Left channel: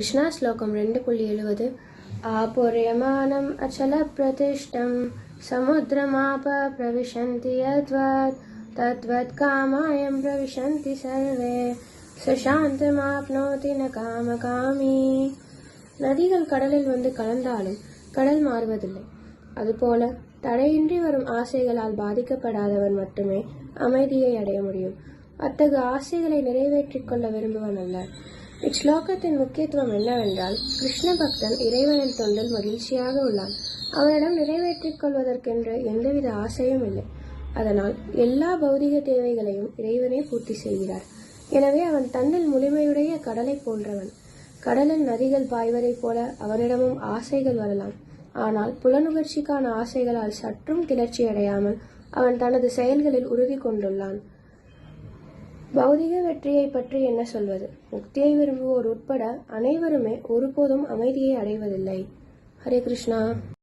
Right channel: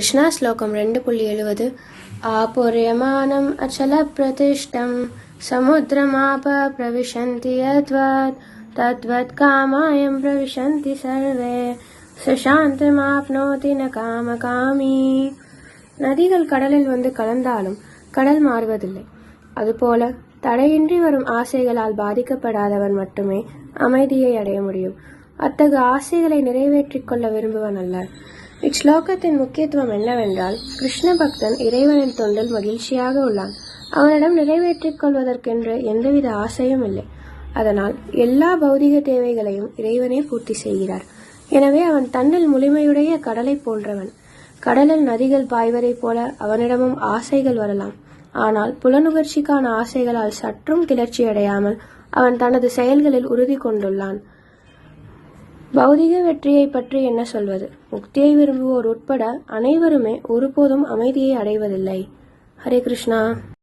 கிருஷ்ணா ஸ்லோகம் 2.70 ஆபுர்யமானம் அச்சல பிரதிஷ்டம் சமுத்திரமாப பிரவிசந்தி யத்வத் தத்வத் காமாயம் பிரவிசந்தி சர்வே சுசாந்தமாப்னோதி ந காமகாமி. நதிகள் கடலில் வந்து கலந்தாலும் கடல் மாறுவதில்லை. அதுபோல தடையின்றி வரும் ஆசைகளால் பாதிக்கப்படாதவன் மட்டுமே அமைதியை அடைய முடியும். அத்தகைய ஆசைகளை நிறைவேற்றிக் கொள்ள விரும்புவன் அல்ல. இச்லோகத்தின் முக்கியத்துவம் என்னவென்றால், கிருஷ்ண பக்தன் இறைவனின் தொண்டில் மகிழ்ச்சியாக உள்ளான். அவனிடம் நிறைவேற்றிக் கொள்வதற்கென்று எந்தவித ஆசையும் இல்லை. அதனால் எல்லா பௌதிக தேவைகளையும் இறைவனே பூர்த்தி செய்கிறார். எனவே அவன் தன்னில் முழுமையுடைய கடலை போன்றவன். கடலில் நதிகள் பாய்வதைப் போல அவனிடமும் ஆசைகள் வரலாம். ஆனால் புலனுகர்ச்சிக்கான ஆசைகளால் சற்றும் கிளர்ச்சி அடையாமல் அவன் தனது செயல்களில் உறுதி கொண்டுள்ளான். பௌதிக வெற்றியை பற்றி என்ன சொல்வது? முக்தியை விரும்புவோர் உட்பட அனைவருமே ஒருபோதும் அமைதியை அடைவதில்லை. ஹரே கிருஷ்ணா.